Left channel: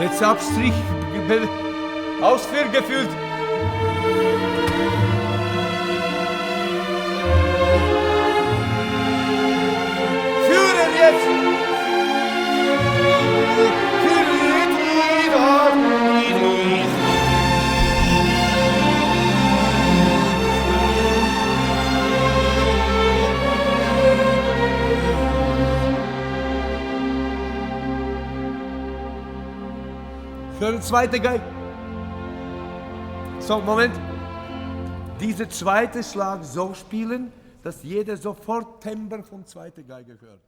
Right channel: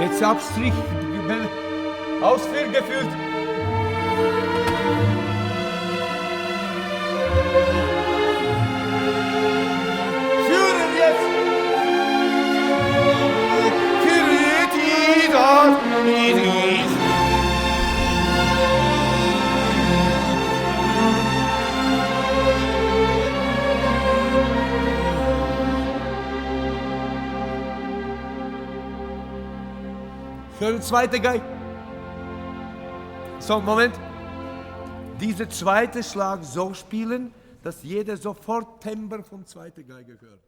Jetzt Abstrich, ausgeführt. Führen jetzt. Führen die dort. Für eine zweite Geige. So, Moment. Diese zweite Schlag so spielen, dass jeder sofort Timbre von zweiter Geige hört.